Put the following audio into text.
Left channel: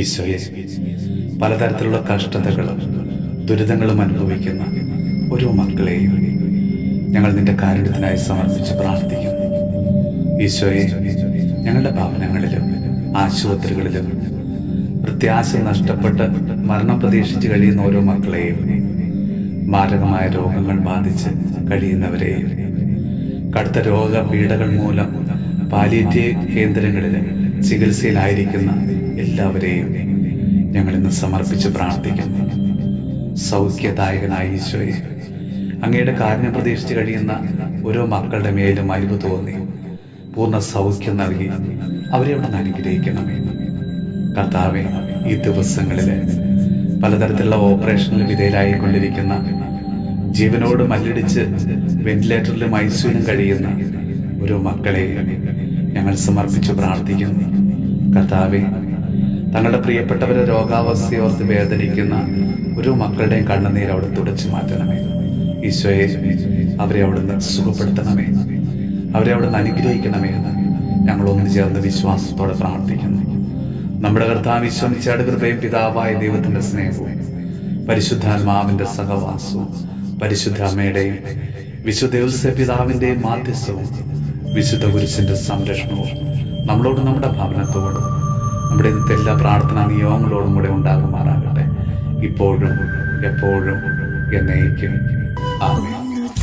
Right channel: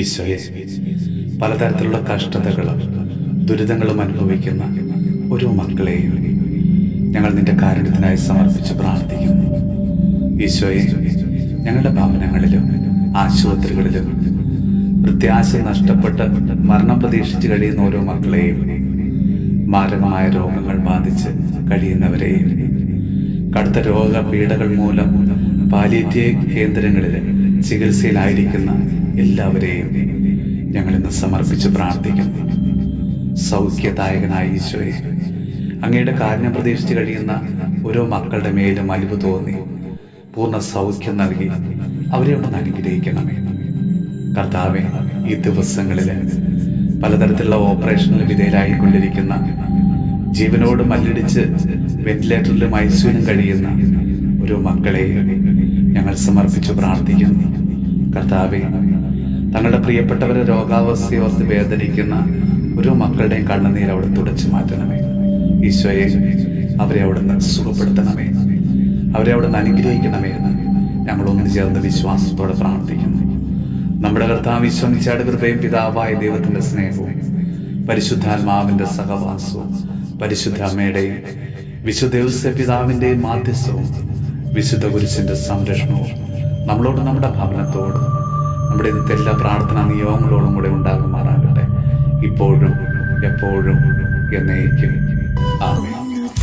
ഈശോയെ, പലതരത്തിലുള്ള കഷ്ടതകളും ദുരിതങ്ങളും അനുഭവിക്കുന്ന ഓരോ മക്കളെയും ഞങ്ങൾ നിന്റെ കാരുണ്യത്തിനായി സമർപ്പിച്ച് പ്രാർത്ഥിക്കുന്നു. ഈശോയെ, ഞങ്ങളുടെ ഭവനങ്ങളിലും ആശുപത്രികളിലും പ്രത്യാശ നഷ്ടപ്പെട്ട് മരണം പ്രതീക്ഷിച്ച് കഴിയുന്ന ഓരോ മക്കളെയും, മാരകമായ രോഗങ്ങൾ ബാധിച്ച് കഴിയുന്നവരെയും, കടുത്ത രോഗപീഠകൾ മൂലം പാലിയേറ്റീവ് കേന്ദ്രങ്ങളിൽ ചികിത്സയിലായിരിക്കുന്ന എല്ലാവരെയും ഞങ്ങളിന്ന് സമർപ്പിച്ച് പ്രാർത്ഥിക്കുന്നു. സൗഖ്യദായകനായ ഈശോയെ, അങ്ങയുടെ കാരുണ്യം പ്രതീക്ഷിച്ച് കഴിയുന്ന ഓരോ മക്കളുടെ മേലും അലിവ് തോന്നി പൂർണ്ണ സൗഖ്യം നൽകി അവരെ അവിടെ നിന്ന് അനുഗ്രഹിക്കണമേ. കർത്താവെ, ഈ ദിവസങ്ങളിൽ പലതരത്തിലുള്ള ഓപ്പറേഷനിൽ വിധേയരായിക്കൊണ്ടിരിക്കുന്ന, ജീവനോട് മല്ലിടിച്ച് വെന്റിലേറ്ററിലും ഐസിയുവിലും കഴിയുന്ന ഓരോ മക്കളെയും ഞങ്ങൾ സമർപ്പിച്ച് പ്രാർത്ഥിക്കുന്നു. കർത്താവെ, തങ്ങളുടെ പ്രിയപ്പെട്ടവരെ രോഗാവസ്ഥയോർത്ത് വേദനിക്കുന്ന ഓരോ മക്കളുടെയും കണ്ണുനീർ അവിടെ തുടച്ചു മാറ്റണമേ. ഈശോയെ, അവരെ അവിടുന്ന് സുഖപ്പെടുത്തണമേ, അവരെ അവിടുന്ന് അനുഗ്രഹിക്കണമേ എന്ന് ഞങ്ങൾ ഒന്നു ചേർന്ന് വിശ്വാസത്തോടെ പ്രാർത്ഥിക്കുന്നു. നമ്മുടെ കർത്താവ് ഈശോ മിശിഹായുടെ കൃപയും പിതാവായ ദൈവത്തിൻ്റെ സ്നേഹവും പരിശുദ്ധാത്മാവിൻ്റെ സഹവാസവും പരിശുദ്ധ അമ്മയുടെയും വിശുദ്ധ ഔസേപ്പ് പിതാവിൻ്റെയും മാധ്യസ്ഥവും വിശുദ്ധ കുരിശിൻ്റെ സംരക്ഷണവും നമ്മളോട്, നമ്മുടെ ഭവനത്തോടും, നമ്മുടെ ഇന്നത്തെ എല്ലാ പ്രാർത്ഥനാ നിയോഗങ്ങളോടും കൂടെ ഉണ്ടാകുമാറാകട്ടെ, ഇപ്പോഴും എപ്പോഴും എന്നേക്കും. ആമേൻ.